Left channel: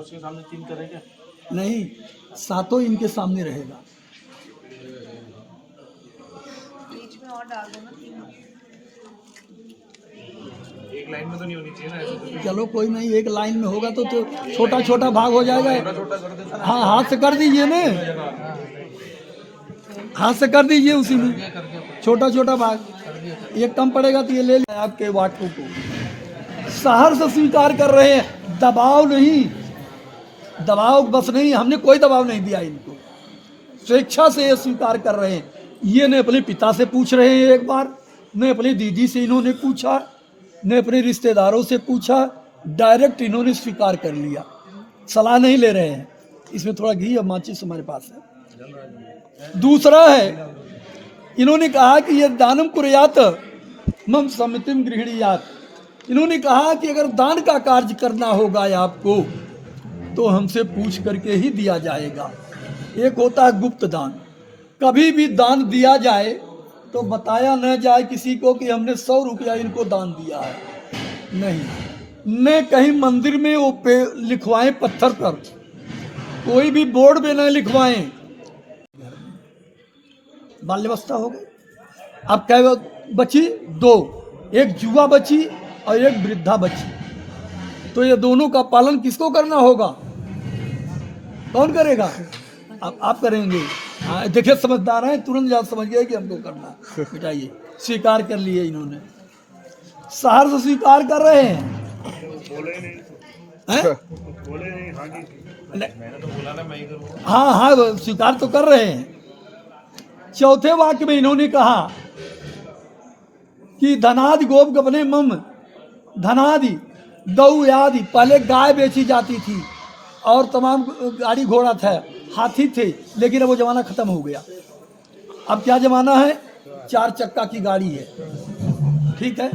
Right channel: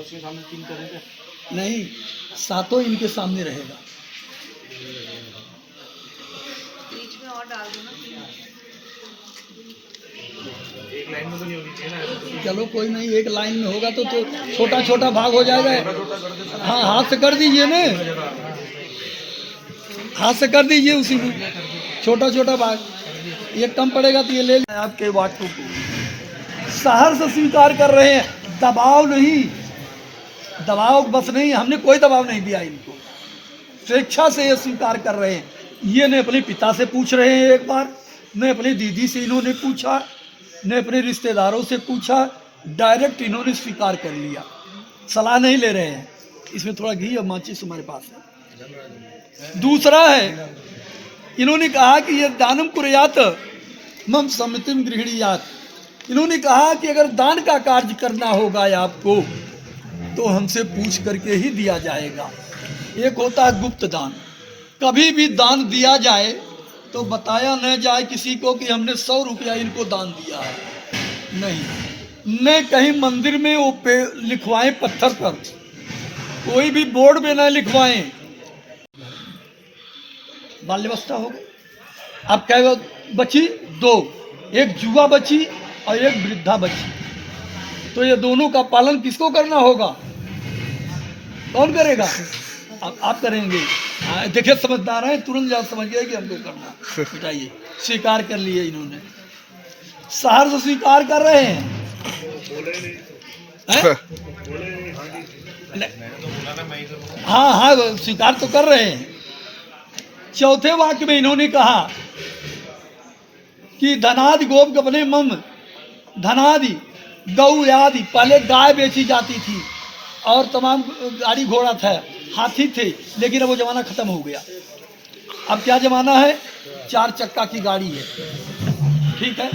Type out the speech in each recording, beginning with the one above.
उसके सामने 3 करेंगे? नहीं, सातों इनके सामने रहेगा। बीच में और डाल दो ना 3। एक लाइन में तो नहीं होनी चाहिए ना ऐसे? चलो कोई नहीं, एक लाइन में होगा तो छोटा छोटा भाग हो जाएगा। छोटा कर दे सर। हाँ, हाथ से कर दीजिए ना, हाथ से कर दीजिए, उसी में छोटा छोटा भाग। ये कम पड़ेगा तो ये ले लें आपके वाटों को। सहर से स्वीकार कर रहे हैं, दबाव नहीं, दबाव बस नहीं, हमने कोई दबाव नहीं दिया इनको, स्वेच्छा से ये स्वीकार कर रहे हैं। ये ने अपने पिता से पूछ रहे हैं एक बार, ने अपनी दीदी से इन्होंने पूछा, ने अपने रिश्तेदारों से पूछा, डायरेक्ट इन्होंने स्वीकार कर लिया, सलाह नहीं ले रहे हैं। इसमें थोड़ा घी और माचिस हमारे पास है। दूसरा है, इन्होंने कहा कि ये दानम कुर्यात मम सम्मतिम गृहणीयात। इन्होंने कहा कि अगर दान का कार्य करना होगा आपको तो हमसे पूछ करके ही दिया जाएगा। एक होता है गुप्त दान, कभी भी दान दिया जाए तो बताया न जाए किसी को कि हमने 100 रुपया इनको दान दिया है, नहीं, न कहीं मंदिर में वो पे लिखवाएं पत्थर पर, कोई भी बोर्ड में न लिखवाएं। बाल्यावस्था हो गई, अब क्या बची? 2, एक जुआ बची और एक वृद्धा बची। तो ये दोनों का पालन किसको करना होगा? कौन करेगा? अब आप करेंगे। देखिए समझदार हैं, तुरंत जा समझ गए कि हमको करना। बताइए, स्वीकार कर लिए इन्होंने, सहर से स्वीकार कर रहे हैं। मैंने तो बोला ना मैं ही करूँगा। हाँ हाँ, स्वीकार तो कर रहे हैं। चौथे वाक्य में इन्होंने कहा कि धनादि गोप गबने मम, धनादि गौ आदि, पहले गाय बेची जाती थी और तमाम गाड़ी घोड़ा था, हाथी थे, लेकिन अब वो ज़माना ख़त्म हो गया। अब क्या ज़माना है? 4 चक्का की गाड़ी है, ठीक है,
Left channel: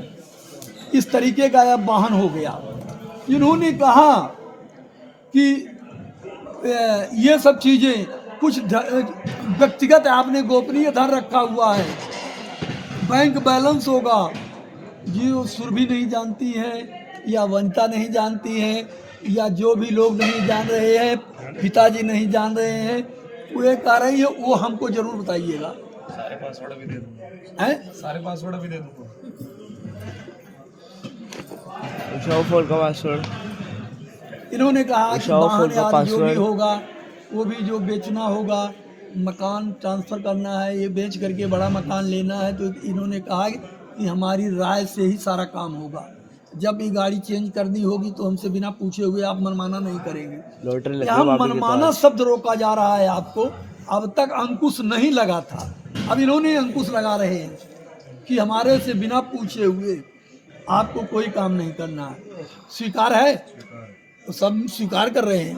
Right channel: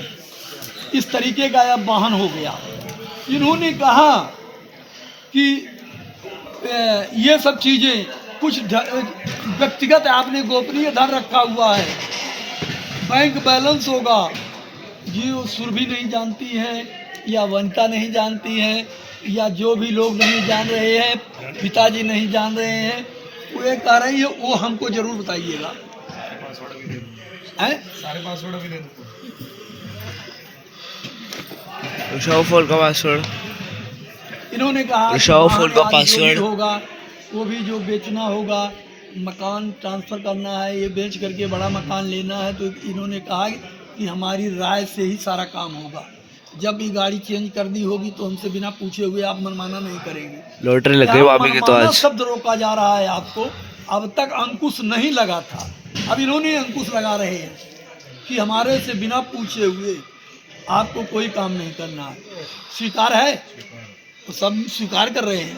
इस तरीके का अब वाहन हो गया। इन्होंने कहा कि ये सब चीज़ें कुछ व्यक्तिगत आपने गोपनीय धन रखा हुआ है, बैंक बैलेंस होगा, जो सुरभि नहीं जानती है या वनिता नहीं जानती हैं या जो भी लोग नहीं जान रहे हैं, पिताजी नहीं जान रहे हैं, वो ये कह रही है, वो हमको जरूर बताइएगा। सारे पासवर्ड भी दे दूँगा। हैं? सारे पासवर्ड भी दे दूँगा। शॉफोल का पासवर्ड, इन्होंने कहा कि शॉफोल का बाहर जो भी पासवर्ड होगा, वो भी जो बेचना होगा, मकान ट्रांसफ़र करना है, ये बेच करके बड़ा मकान लेना है, तो इन्होंने कहा कि हमारी राय से ही सारा काम होगा। जब ये गाड़ी चेंज करनी होगी तो हमसे बिना पूछे हुए आप मनमाना नहीं करेंगे। लॉटरी लग गई भाभी की तो मनमाना आज। शब्द रोका जा रहा है आपको, अब तक अंकुश नहीं लगा था, अब इन्होंने अंकुश लगा रहे हैं कि हमारे से बिना पूछे हुए आपको कोई काम नहीं करना। स्वीकार है, तो सब स्वीकार कर रहे हैं।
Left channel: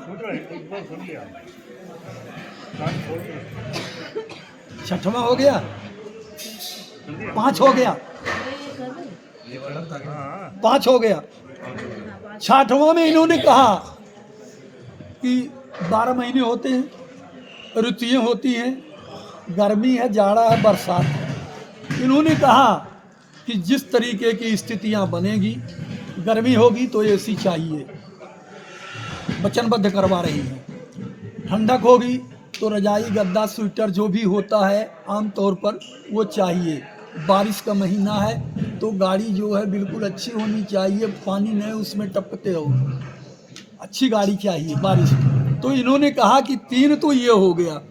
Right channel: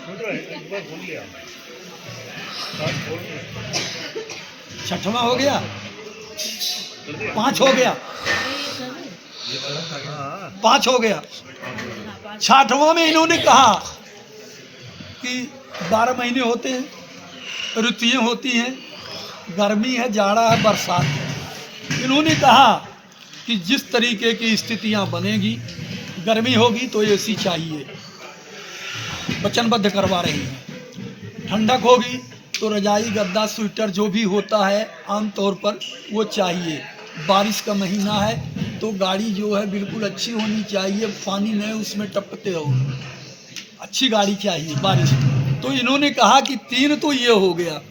6वां हो गया, 5 हो गया, 5 हो गया। 6वां में इन्होंने कहा कि 12 महीने होते हैं, ऋतुएं होती हैं, गर्मी है, जाड़ा है, बरसात है। इन्होंने कहा कि जिस तरीके की स्थितियां बनेगी, गर्मी होगी तो एसी चाहिए, वचनबद्ध करवा रही हैं। ठंडक होगी तो रजाई, गद्दा, स्वेटर जो भी होता है आमतौर पर वो चाहिए। बारिश का महीना है तो गाड़ी जो है बिल्कुल अच्छी होनी चाहिए, पानी न उसमें टपकते हो, अच्छी गाड़ी चाहिए बारिश। तो इन्होंने कहा कि 3 तो ये हो गया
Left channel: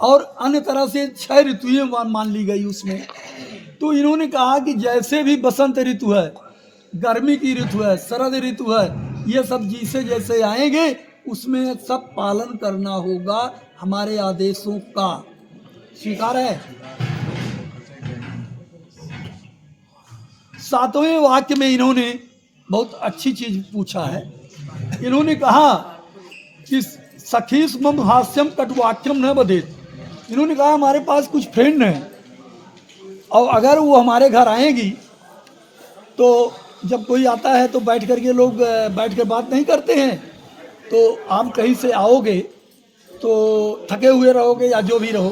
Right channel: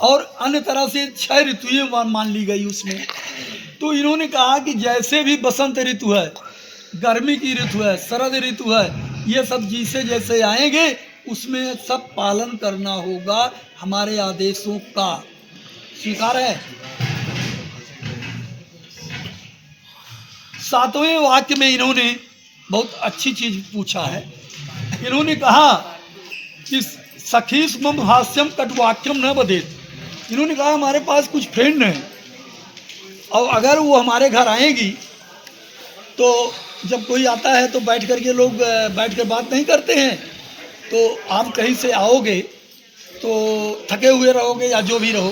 और अन्य तरह से 6 ऋतुएं मान ली गई उसमें। तो इन्होंने कहा कि जैसे भी बसंत ऋतु है, गर्मी की ऋतु है, शरद ऋतु है, ये सब जैसे जैसे आएंगे उसमें सब पालन करना होगा हमारे आदेशों का। स्वीकार है। 7वें वाक्य में इन्होंने बहुत अच्छी चीज पूछा है। इन्होंने कहा कि सखीस मम हास्यम कटवाक्यम न बदेत। इन्होंने कहा हमारे पास कुछ फ्रेंड हैं और अगर वो हमारे घर आएंगी तो जब कोई आता है तो बैठ कर के लोग बैठ कर बात नहीं करते हैं, तो आप कहीं से आओगे तो थके हुए रहोगे या जो भी रहो,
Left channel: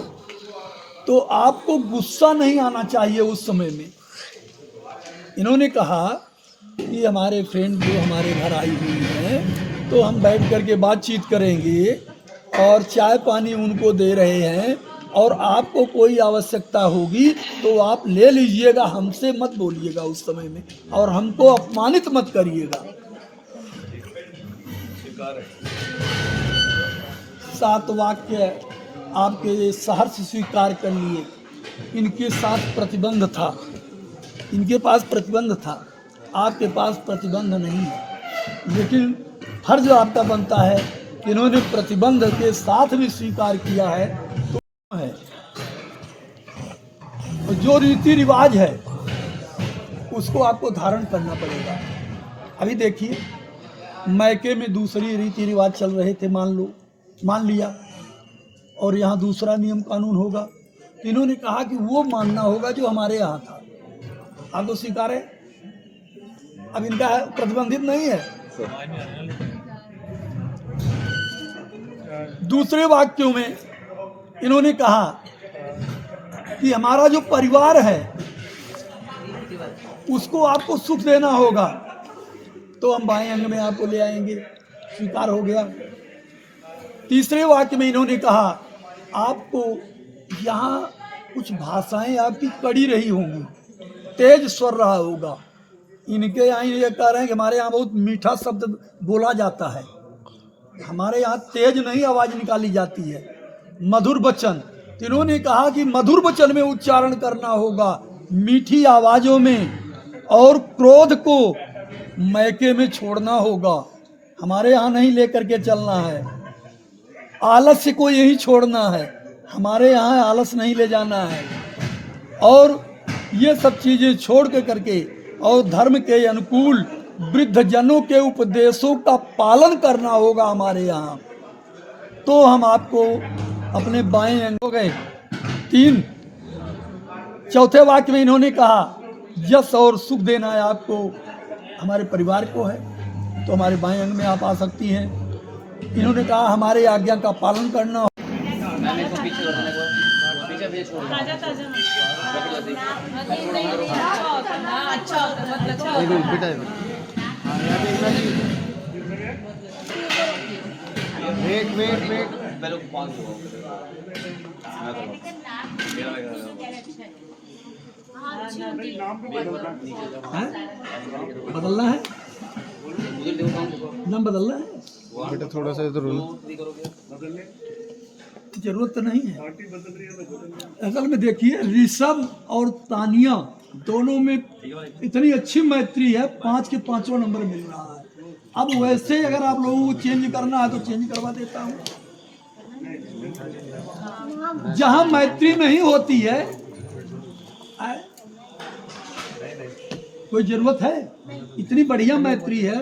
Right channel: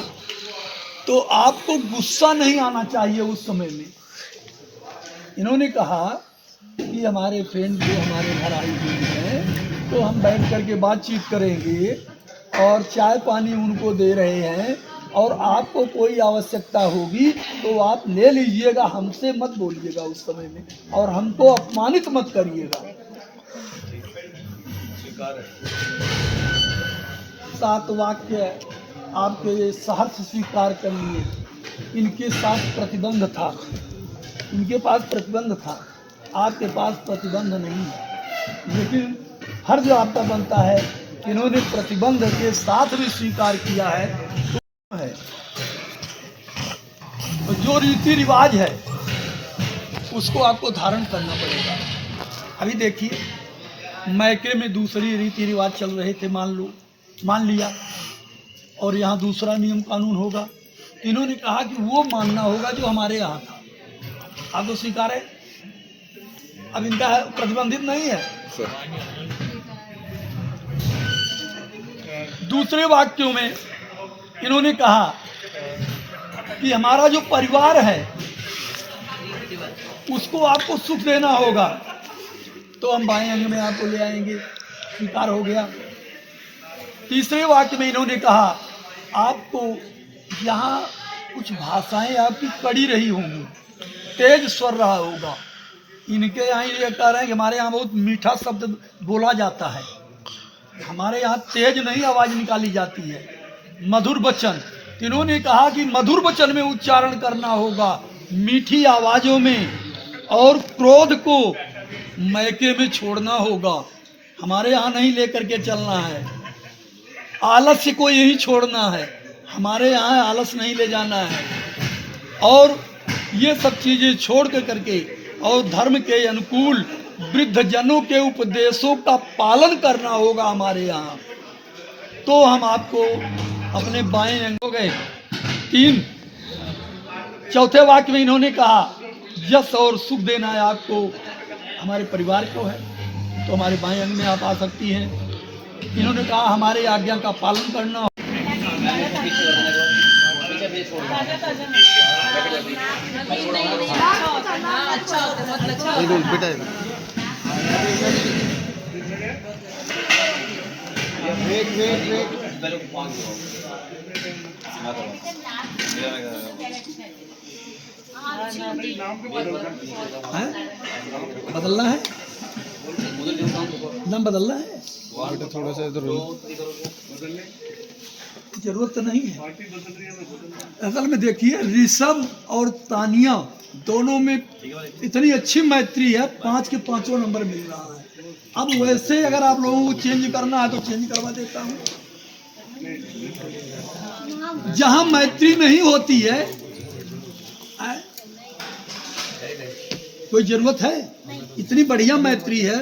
तो आपको गुस्सा नहीं आना चाहिए उस समय में। इन्होंने कहा कि हमारे फ्रेंड जो हमारे घर आई हुई हैं तो हम बैठ करके बातचीत करेंगे और चाय पानी उनको दे रहे हैं, और आपको कोई आवश्यकता होगी तो आप ले लीजिएगा, हमसे मत बोलिएगा उस समय में, और हमको अपमानित मत करिएगा। स्वीकार है। 7 वाक्य आपके सहर्ष स्वीकार कर लिए। इनके साथ प्रतिबंध था, इनके पास प्रतिबंध था, आपके पास प्रतिबंध नहीं है, लेकिन फर्ज आपका बनता है कि इन्होंने प्रतिबंध के साथ भी स्वीकार किया है। तो जो रीति रिवाज है उसको आपको धारण करना पड़ेगा। अभी देखिए, मैके में दूसरी रीति रिवाज चल रहे थे, मान लिया, और यहाँ दूसरा नियम कानून होगा। इन्होंने कहा कि वो मानना होगा जो हमारे यहाँ था। आप तो स्वीकार है, अब इनका प्रतिबंधित नहीं है। दूसरे वाक्यों में इन्होंने कहा कि हमारा जो परिवार है उसको आपको सुख देना होगा, तो हम बाएं अंग में आपको ले आएंगे, स्वीकार हो गया। तीसरे वाक्य में इन्होंने कहा आपको यहाँ कुछ भाषाएं आपकी कड़ी रही होंगी, तेज स्वर रहा होगा। इनके यहाँ ये कह रहे हैं कि हमारे यहाँ बहुत मीठा शब्द बोला जाता है, हमारे यहाँ तेज नहीं आवाज निकाली जाती है, मधुर वचन। इन्होंने कहा कि मधुर वचन में उच्चारण करना होगा, मीठी आवाजों में, और क्रोध को मैके में छोड़ना होगा, हमारे यहाँ नहीं लेकर के चलना है। आलस्य को यही छोड़ना है, हमारे यहाँ आलस नहीं ले जाना है, और ये सब चीजें छोड़ के करके और धर्म के अनुकूल वृद्ध जनों के उपदेशों का पालन करना होगा हमारे यहाँ। तो हम आपको अपने बाएं अंग हो गए 3। चौथे वाक्य में इन्होंने कहा यश और सुख देना है आपको, हमारे परिवार को है, तो हमारे बाएं अंग में आप आ सकती हैं। इन्होंने कहा हमारे आज्ञा का पालन करना। बदलना है, नाम बदलना है, थोड़ा सा इधर जरूरत तो नहीं है। असल में देखिए, ऋषभ और तानिया दोनों में इतनी अच्छी मैत्री है, 5 के 5वां नंबर मिल रहा है। अब वैसे अगर आप लोगों को चेंज करना है तो चेंज करवा देता हूँ। जहां मैत्री नहीं होती है कोई जरूरत है? इतनी बढ़िया मैत्री है,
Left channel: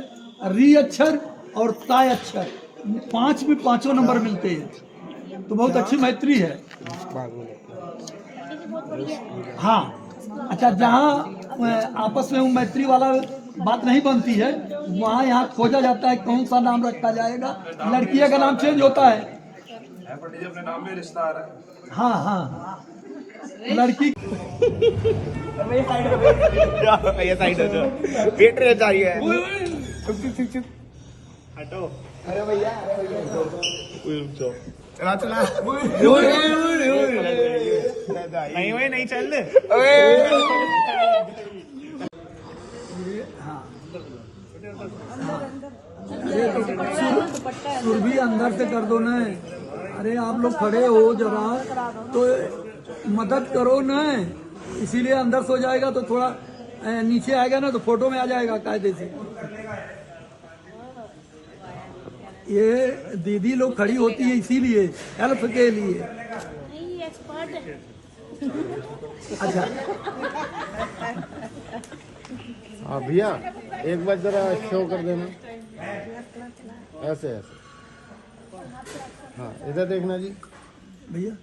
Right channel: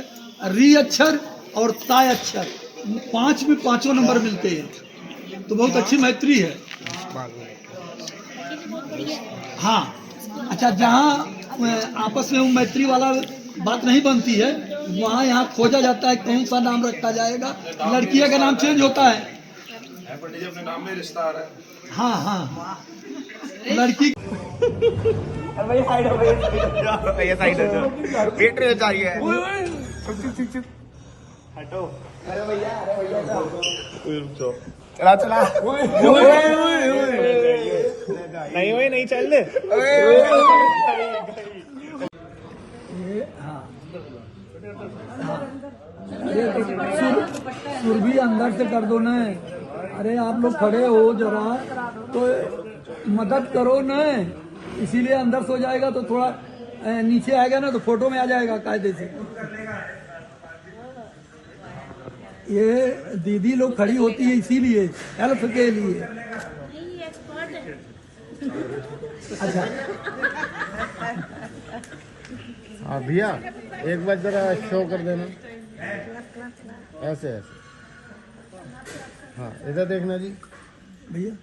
री अक्षर और ताय अक्षर 5 में 5वां नंबर मिलते हैं, तो बहुत अच्छी मैत्री है। हाँ, अच्छा, जहाँ आपस में मैत्री वाला बात नहीं बनती है, वहाँ यहाँ खोजा जाता है कौन सा नाम रखा जाएगा। लड़कियों का नाम चेंज होता है, अपने नाम में रिश्ता आ रहा है। हाँ हाँ, लड़की ये साइड हो जाओ, वेट रहे चाहिए। हटो। अरे भैया रुक जाओ। चला नहीं चल ले। हाँ, अरे तो सुर भी अंदर से कर दो ना। अरे आप लोग खड़े हो जरा तो मदद करो ना, इसीलिए अंदर सो जाएगा तो थोड़ा नीचे आएगा ना तो फोटो में आ जाएगा कायदे से। ये दीदी लोग खड़ी होती है इसीलिए, हेल्प के लिए। अच्छा हाँ भैया, एक बार जरा शो कर देना, ऐसे ऐसे। हाँ इधर देखना जी भैया,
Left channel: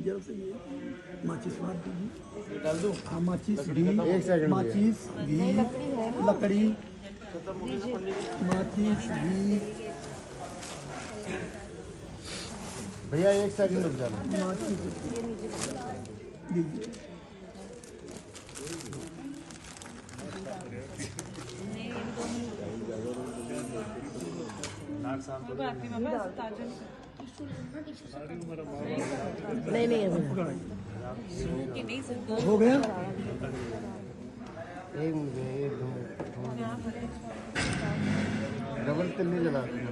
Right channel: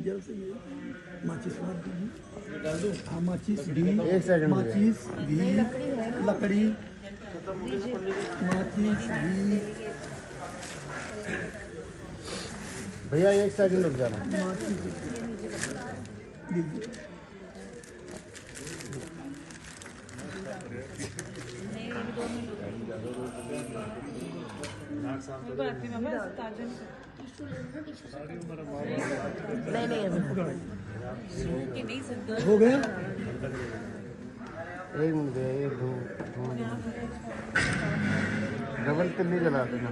जरा से ये माचिस बात दीजिए, डाल दूँ? हाँ, माचिस भी, एक सेकंड, माचिस भी, लकड़ी, माचिस भी। भैया 1 सेकंड रुक जाना। माचिस दीजिए। हो गया। एक मिनट एक दो डबल तो नहीं लगा देना।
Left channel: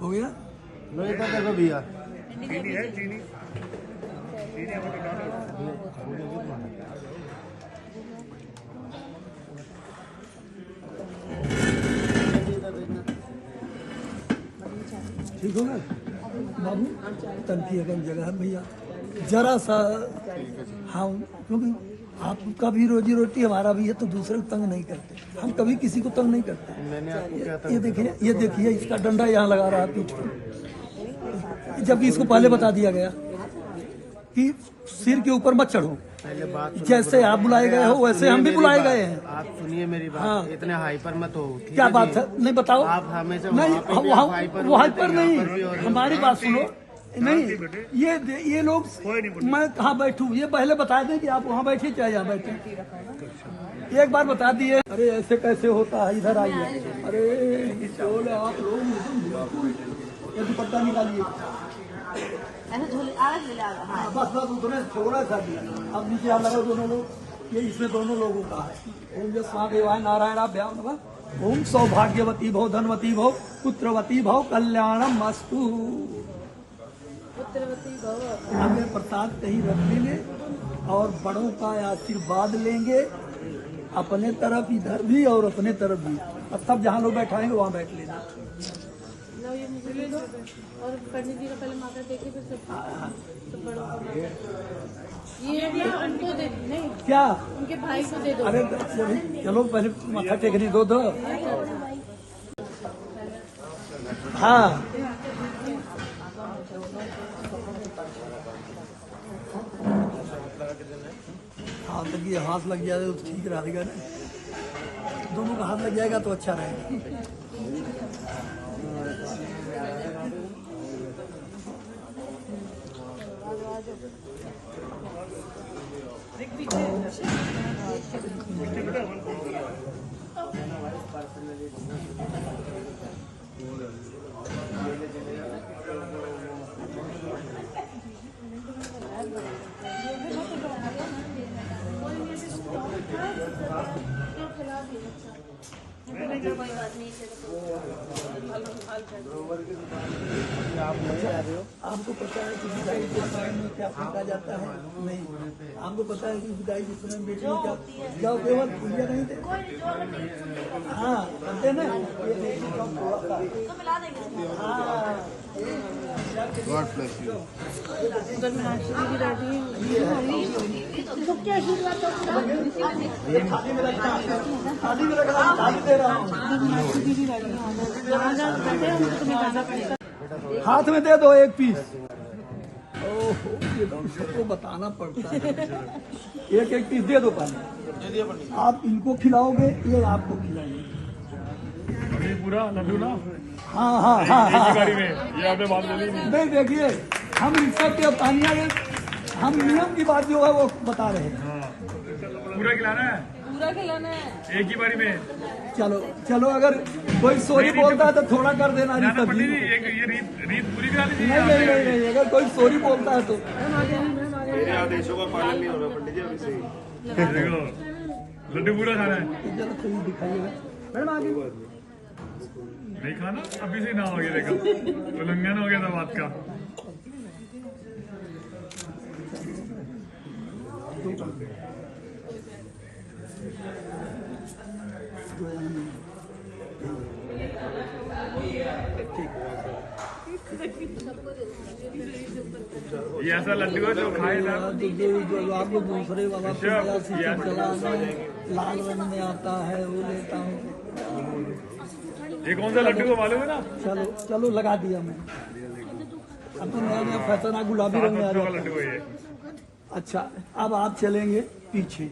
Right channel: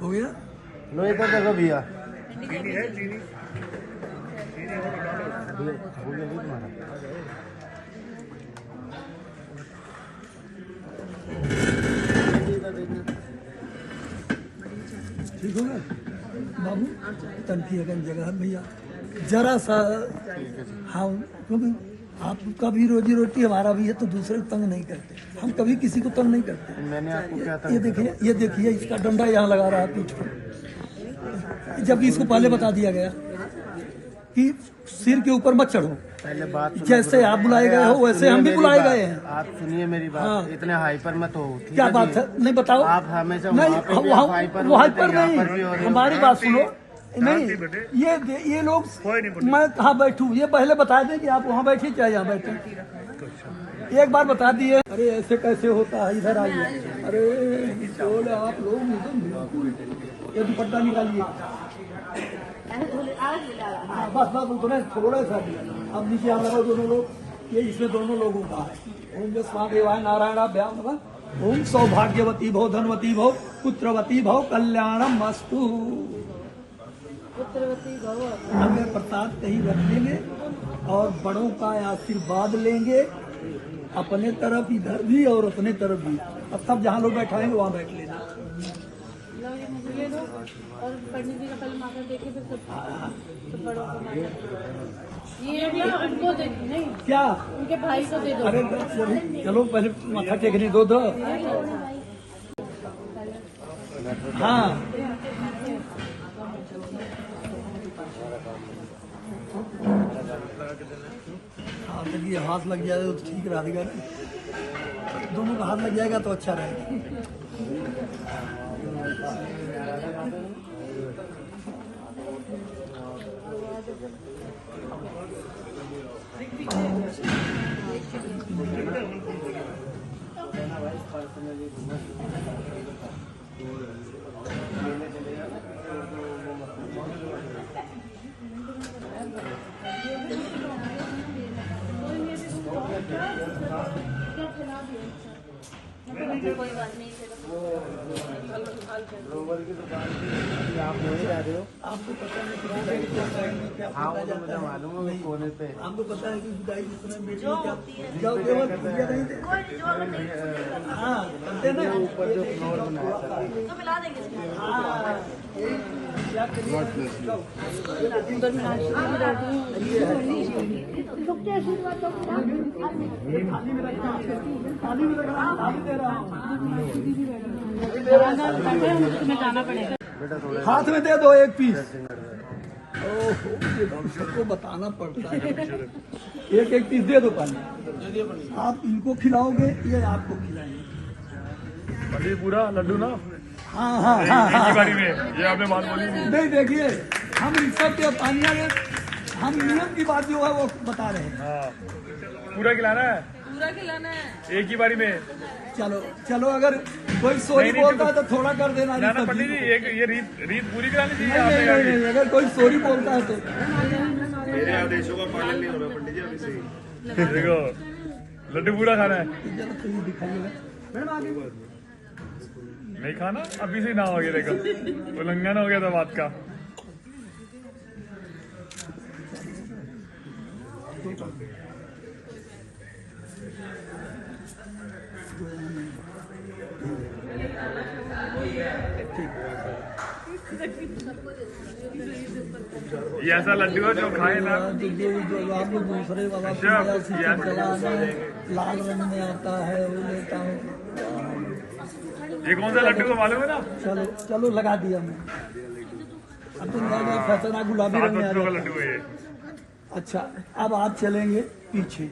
हो गया। लो इधर देखो भैया। ठीक होगा बाबू। तनकी अगर जगह है भैया जरा सा। हाँ क्योंकि आपका भी रोजी रोटी हमारा भी है तो दूसरे को तंग नहीं करते हम, कभी किसी को तंग नहीं करते। मैंने आपको क्या था? ये देखिए इसका डंडा यहाँ लगा रहा पीठ पर, जबकि इसको पहले बता दिया गया कि सिर के ऊपर मत चढ़ो। पहले बात जैसे आप बुलाए गए हो वैसे हम भी बुलाए गए हैं। आप सुनिए मेरी बात। हाँ। इतने हाइपर मत हो। ठीक क्या है बात जी? है नहीं बताओ। आप हमेशा नहीं वहाँ हाइपर नहीं, हमारी बात सुनो। नहीं ये लोग मैं कहाँ बैठूं ये पहले बता दें कि आप वहाँ बैठिए चाहे यहाँ बैठे। एक बार बता दिए अरे ऐसे कैसे होता है इधर आइए। अरे चोल आप लोग बिल्कुल ये दुपट्टा निकालिए। बस उतने थोड़ा सा दिया। अब नीचे आप लगाओ दोनों लोग। ये इसमें दोनों लोगों का है। ओम जो स्वादेवाय नारायणाभ्याम नमः। ओम सौभाग्यवती भव धनवती भव पुत्रवती भव कल्याणम मस्तु। हमें प्रसाद कहीं रख लेंगे और बड़ों का आशीर्वाद लेंगे अपने तरफ इधर भी और अपने तरफ भी। अब सब जहाँ लोग बैठाएंगे वहाँ बैठ लेना। और पंडित जी का पहले माथा देखे फिर सब बड़ों को ये भी उनको दे नहीं क्या उनके भाई को दे दो। अरे चलो पहले माथा टेकने दो। हाँ हाथ लग जाए तो ठीक रहेगा ना। दोनों का हाथ लग जाएगा तो अच्छा रहेगा। कोई बात नहीं। आपको पता है कि आपको पता है कि जुदाई दूसरे में बेचने क्या क्या केवल पूजा नहीं थे। हाँ करते ना उधर मीनाक्षी जी भी बैठी है। हाथ में दे दो एक पीस। ओहो ये तो सबको बताना पड़ता है। एक एक पीस दे दो पहले। आप इनको खिलाओगे ये आपको खिलाएंगे पूरा लड्डू ना। हाँ हाँ हाँ हाँ ये आपने बात बोली नहीं देखिए हम ऋषभ के तानिया हम नियम की बात जो है वो बता रहे हैं। पूरा खिलाना है। पूरा खिलाना है एक ही बारी में। चलो चलो अगर कोई सॉरी बोलता है तो थोड़ा कर देना ऋषभ जी को। ये रीत पूरी करानी नहीं नहीं नहीं नहीं अगर कोई सॉरी बोलता है तो मेरे आदेशों का पालन नहीं हो रहा पंडित जी अभी से ही। देखो लड्डू पूरा खाना है। चलो तो ये दिखाइएगा मैडम आगे। नहीं खाना अभी से ना हो गया। देखो उल्लंघन हो गया था बात का। ये ऐसा लड्डू है जो खाए ना। जो आपको दूसरे वाला नया सिस्टम चलाना लाल रंग में आता है वो लेता हूँ। ये कौन सा लड्डू को मालूम है ना। चलो चलो लगा दिया मैं। अब तो नया नया फैशन गुलाबी रंग में आ जाता लड्डू है। है ये। अच्छा अब आप चलेंगे पीछे।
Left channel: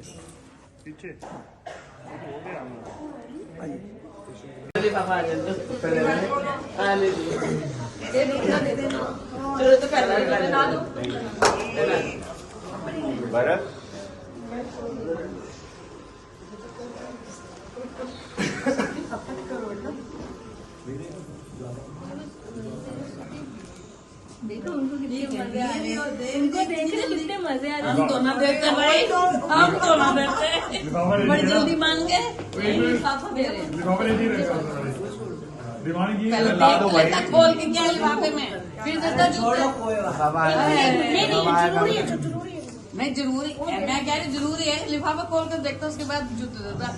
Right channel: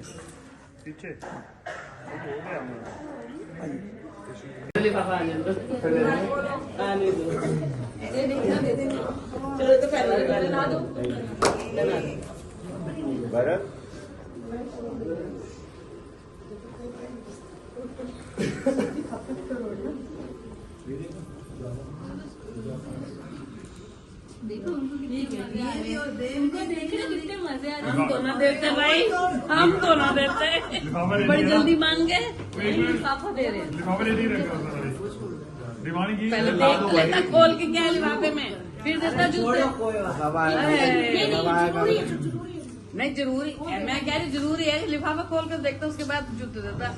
पीछे आइए देखो उनको कितने मजे आ रहे हैं, उनको देख रहे कितने मजे आ रहे हैं। हम तो ना देते भाई, हम तो ना देते, बड़ी जल्दी मांग गए। दीवानी की ला दो भाई। खोल के क्या लिफाफे में फिर देता जूते। मैं जरूरी, मैं कह रही जरूरी है, लिफाफा खोल कर देखता उसके बाद जूते देता।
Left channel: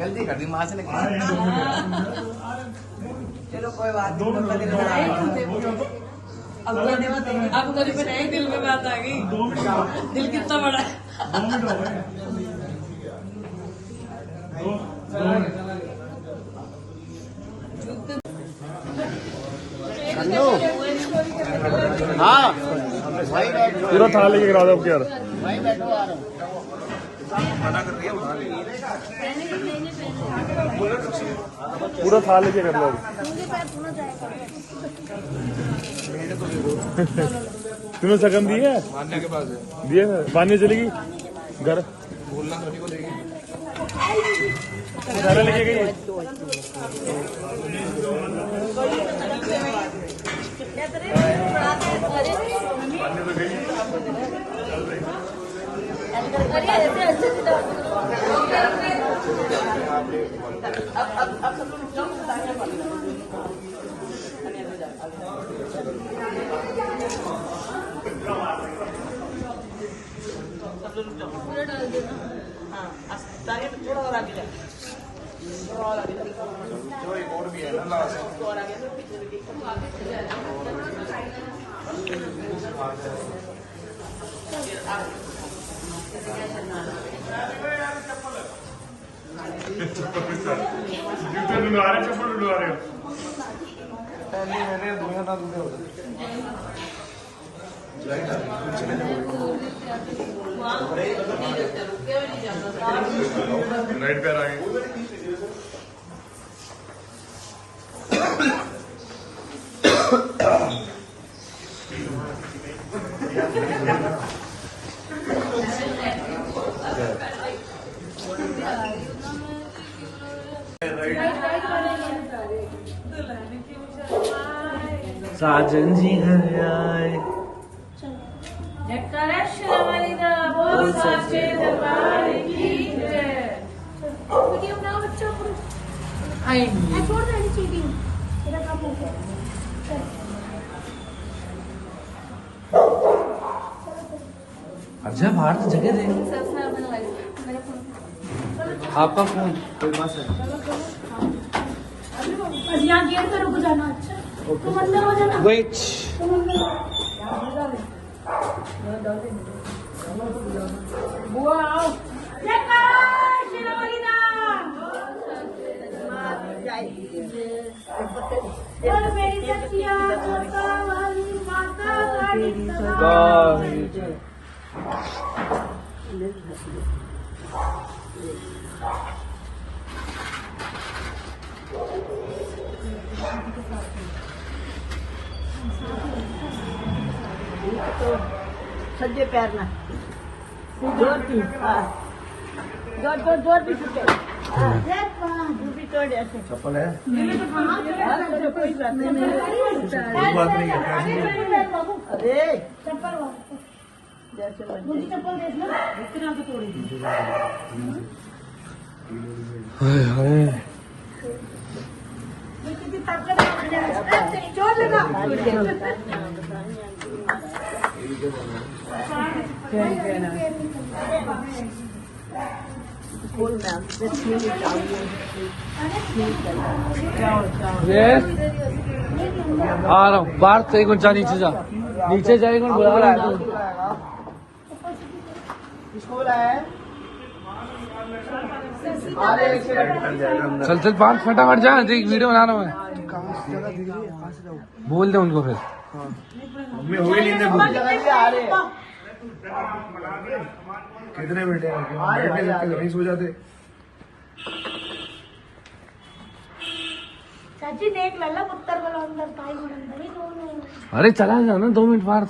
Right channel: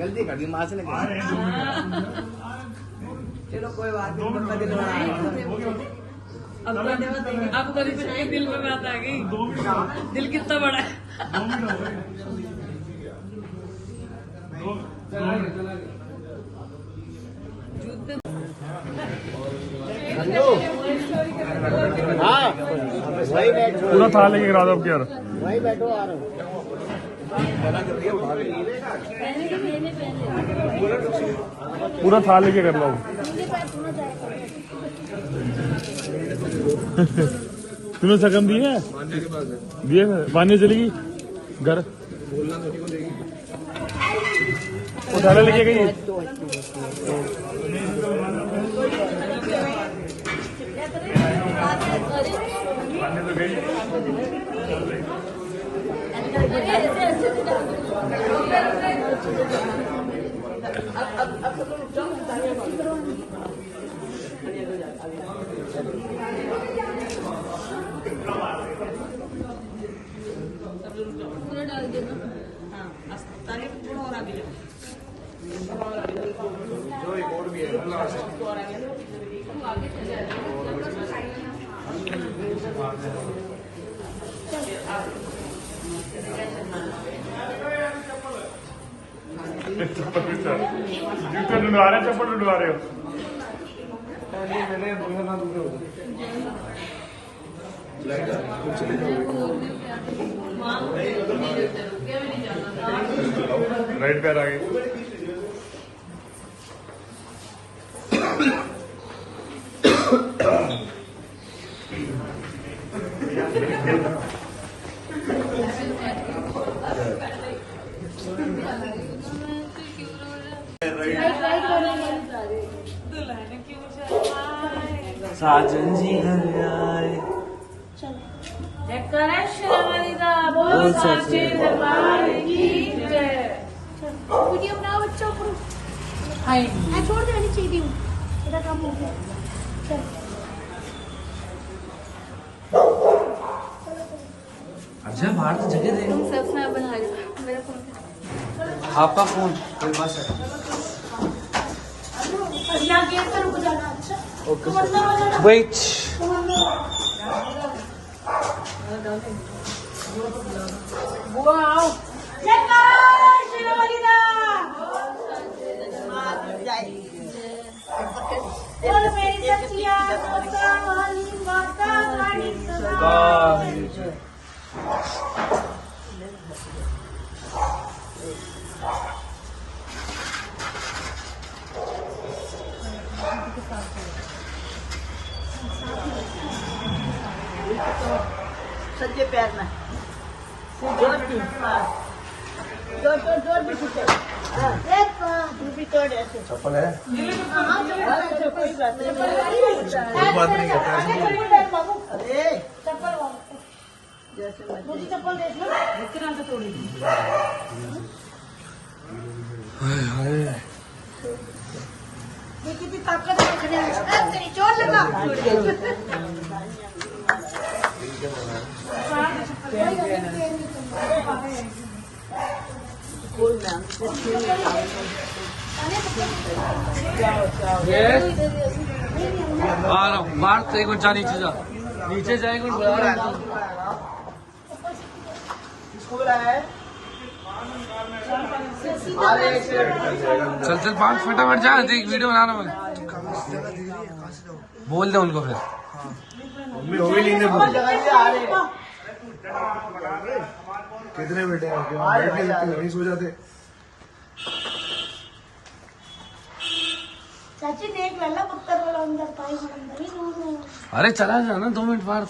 गलती कर दी वहां से निकल। चलो कोई बात नहीं, तो कभी कभार अब तो नहीं, दिल में बात आ गई। दिल कितना बड़ा है। 2 मिनट हो गए। था लेके करा दो यार। पूरा था लेके कर लो। तूने सकम दी है? मान्या के पास है, दिए मैं बांधने चलेगी घर, बोलना सभी को देगी। उठाने लेके गई। पूरा डाल देना। थोड़ा और आगे जाओ। ढूंढवा रहे, चप्पल ढूंढवा रहे हो। राइट पैर आगे। साजन जी घर आए, जयकारा श्री का बोल सच्चे दरबार की जय। वीडियो बनाओ बच्चों को। हाय छोड़ दो चीटिंग, मेरा काम हो गया। चल अच्छा बाहर तो जगह दे। सब स्नैप बना लो, मेरा फोन। आपका फोन कोई बस है। यहाँ गेट पे रुक जाना। अच्छा तुम अंदर हो जाना। वेट, बुआ आओ। बोल मेरी सच्चिया मुस्कान वाली माता रानी सदा। सज्जे पैर में जोर दी, जोर जोर जोर भी टूटे। भी तोड़ ऐसे चप्पल है, कोई बात नहीं। बात नहीं है। अरे जैसे कितनी ताकत है, चोट लगा। आ रहा हूँ बाहर तो एक मिनट जा, नीचे जा, नीचे जाएगा बुला रहा हूँ। चल चल बाहर फटाफट जा, देख वीडियो बना रहा हूँ मैं। बोल दे उनको फिर। मम्मी हो गई नींद पूरी। कितने बेटे हैं? नहीं सो जाते। चाची देख लल्ला पुत्तर वाला अंदर था। अरे चला जा ना 2 मिनट बाहर,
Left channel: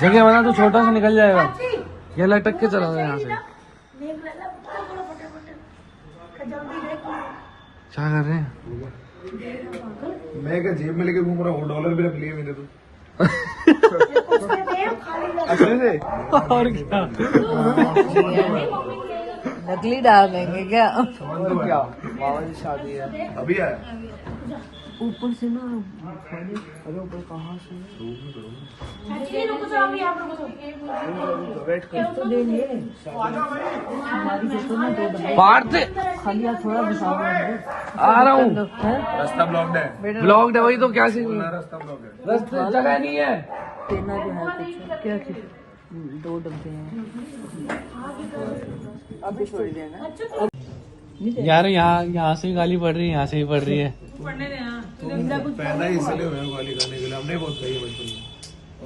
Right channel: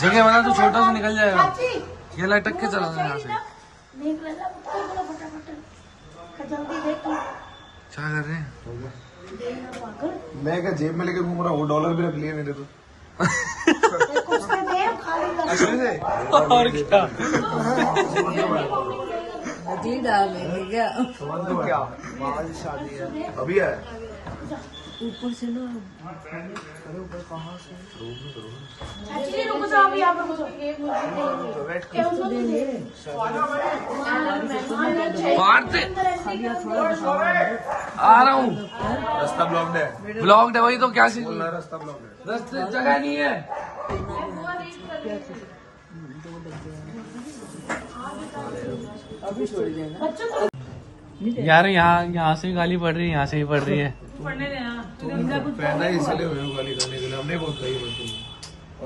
जगह बना तो छोटा सा निकल जाएगा। चाची ये लटक के चला यहाँ से। देख ले फटाफट जल्दी देख क्या कर रहे हैं? मैं क्या जेब में लेके घूम रहा हूँ, डॉलर भी रख लिए मैंने तो। और क्या नकली डाल देंगे क्या? क्या मामा जी शादी है अभी आया ऊपर से ना अरे ऊपर कहाँ से रुको तो अभी आप वेट कर तो दे लिए बाहर पे खालिया थोड़ा दिखाओ। आ रहा हूँ। रास्ता ब्लॉक्ड है, ब्लॉग है वही तो क्या सी रास्ता ब्लॉक्ड है। रास्ते जगह नहीं है। दो डब्बे यार यहाँ से गाली पड़ रही है, यहाँ से ही पड़ रही है। पैदा ही इसलिए हुए हैं गाली खाने के लिए, हमने बहुत कही बच्चों।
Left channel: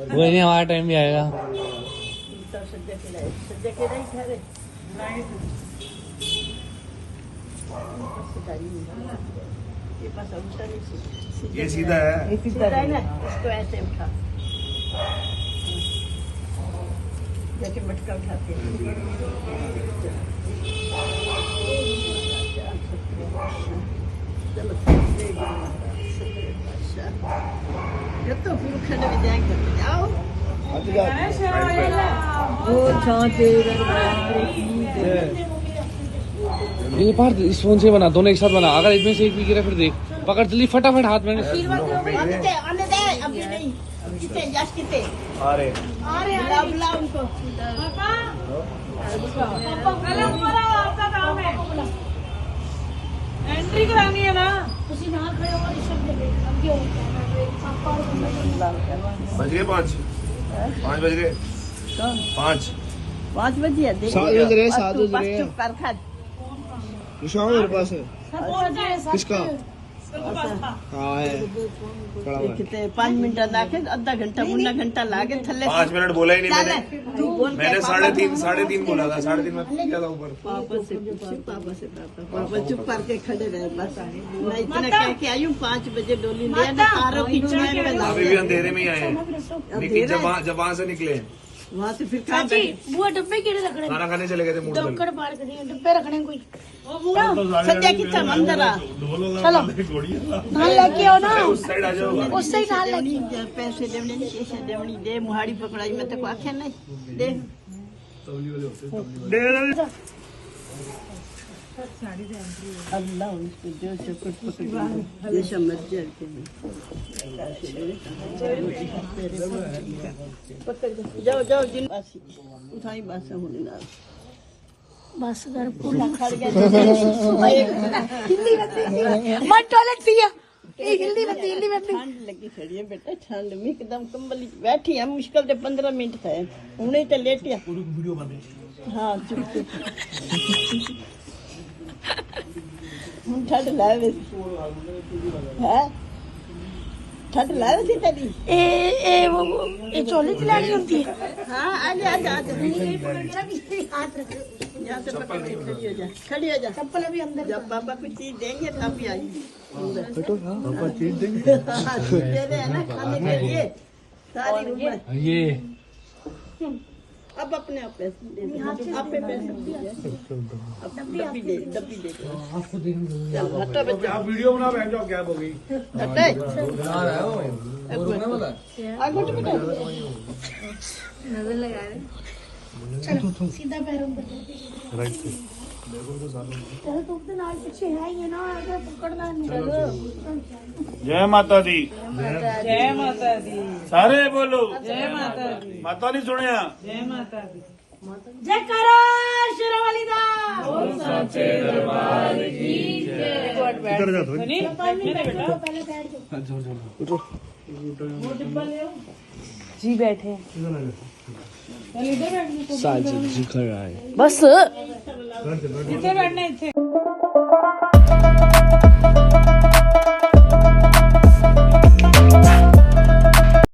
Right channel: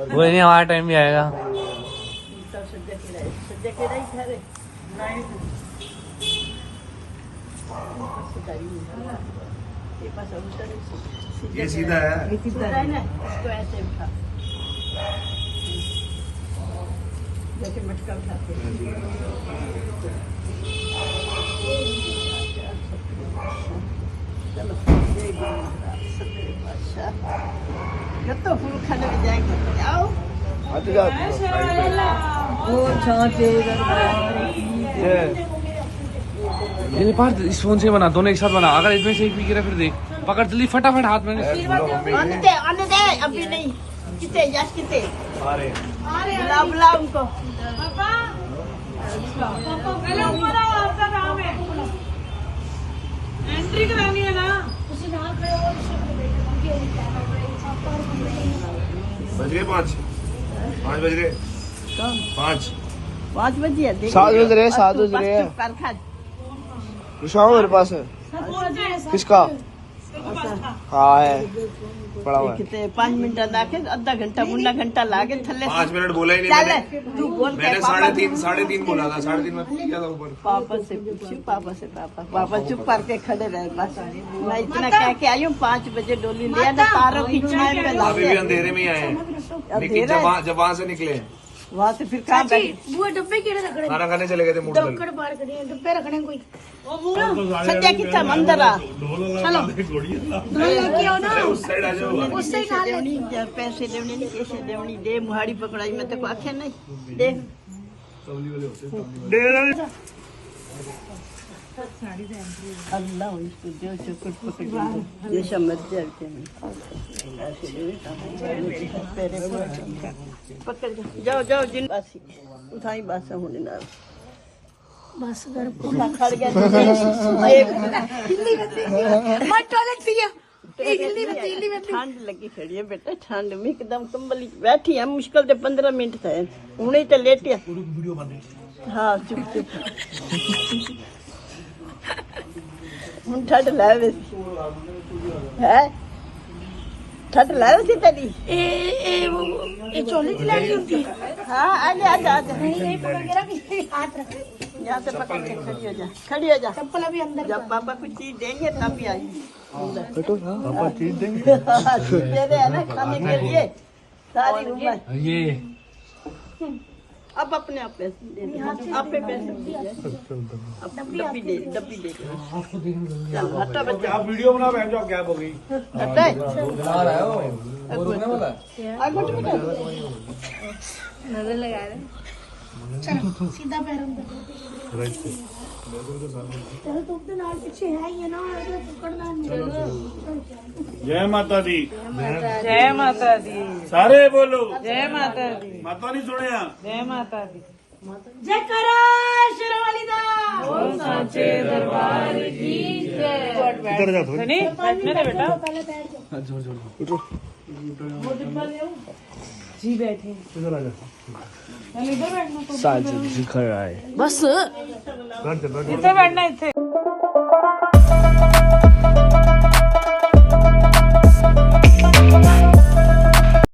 वो नहीं, हमारा टाइम भी आएगा। ये सीधा है, इसको ऐसे उठा जैसे मटका उठाते तो फूल खाने में जाएंगे जाओ ये बार इस फोन से बना, दोनों एक साथ बना। अगर इसमें से एक भी गिरा फिर देख, पकड़ जल्दी फटाफट हाथ में। आने दे अभी नहीं कितने यश कितने अरे बुला उनको एंट्री करानी है ना। बज गए 5 बज गए 5 बजे है देख 7 बज रहे हैं, 7 बज रहे हैं। चुप कर खा मेरे पास है। किसका? हाँ है, पड़ा हुआ है। कितने 5 मिनट लाके आधा घंटा मुन्ना घंटा लाके थल्ले 5 मिनट बोला ही नहीं चल मैंने। तू बोल मैंने 3:30 बोला था, 3:30 में किया था ऊपर। पापा से पूछी पापा चुप करके खड़े रहे बस। मैं इतना कह के आई हूँ 5 बजे डोली ले आना तारों खींचना है अभी भी अंधेरे में ही आए हैं, लेकिन जब वहाँ से निकले वहाँ से फिर कहाँ बैठे बुआ डब्बे केड़े रखने खाना खाने चले गए थे मूड डक्कड़ पार करिए डब्बे रखने कोई सच्चा कितना मंदिर आ चलो धान लेके आओ ना उस साइड आ जाओ। उससे ही धान लेके देवनी पैसे देवने नहीं कैसे देवनी दे मुहाड़ी पकड़ाई मैं तो आखे नहीं दे अल्लाह इसको जो चुकुट पकड़ ये समझ जाते हैं जाओ जाओ दिन बासी उठाई बासा होने ना बस घर खड़ गया हिंदी में मत टॉयलेट पिया हिंदी में ठंड लगी फिर ये बेटा ठंड में एकदम कंबल बैठी है मुश्किल से 15 मिनट थे उन्हें तो लेटिया वीडियो बन हाँ चुप ठंड लावे है ठंड लावे थी तेरी ये चोली पिलानी होती है हाँ आजा आजा आजा नहीं पकड़ के रख हाथ रख यहाँ से पकड़ के खड़ी हो जा चप्पल अभी अंदर जब पापा कुछ चीज देंगे तब भी आई पापा चीज देंगे। दे दे है ना खाने के लिए सारी उम्र ये अब अपने आप पैसे दे दे आप पे पैसे डब्बी दे चल हटो बच्चा आप वीडियो बना बैठ जाओ, क्या होगी नजर लगा रहे चलो सीधा पैरों पे चल तू तो नाल पीछे है ना आगे पकड़ना नहीं जय माता दी, जय माता दी, सारे बोलो जय माता दी, माता नहीं सुने जय माता दी। जय करा शेरवाली दा सच्चे दरबार की जय। इधर जा थोड़ी पहले बैठ जाओ जी बैठे साजिद जी खड़ा है। बस इतना बैठना इतने